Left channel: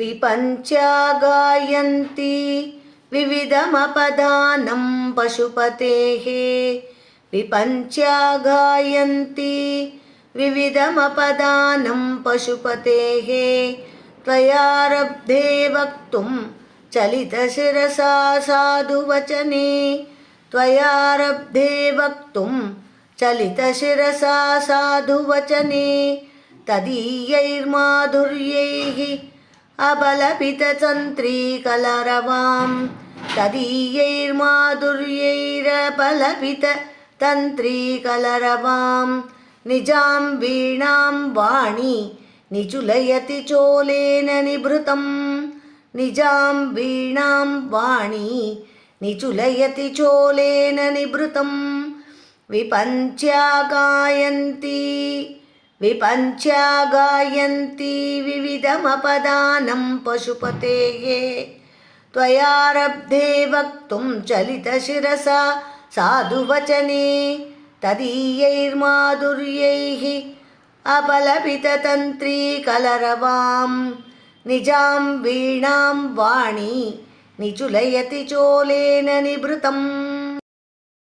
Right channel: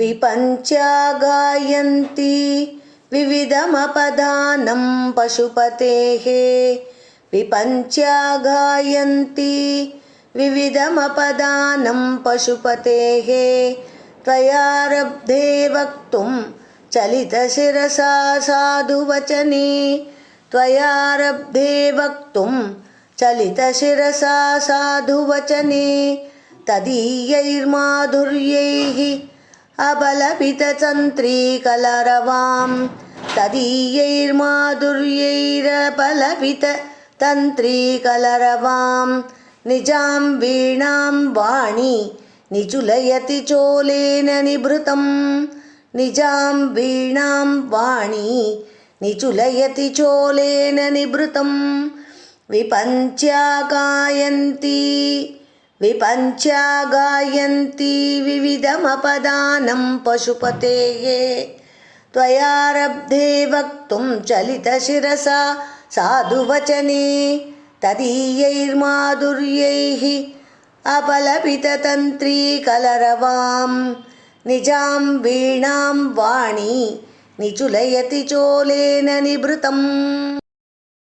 विपञ्च्या गायन्ति विविधमपदानं पशुपतेः विपञ्च्या गायन्ति विविधमपदानं पशुपतेः त्वयारब्धे वक्तुं चलितशिरसा साधुवचने त्वयारब्धे वक्तुं चलितशिरसा साधुवचने तदीयैर्माधुर्यैः अबलपिततन्त्रीकलरवां तदीयैर्माधुर्यैरबलपिततन्त्रीकलरवां निजां वीणां वाणी निचुलयति चोलेन निभृतं निजां वीणां वाणी निचुलयति चोलेन निभृतं विपञ्च्या गायन्ति विविधमपदानं पशुपतेः त्वयारब्धे वक्तुं चलितशिरसा साधुवचने तदीयैर्माधुर्यैः अपलपिततन्त्रीकलरवां निजां वीणां वाणी निचुलयति चोलेन निभृतम्।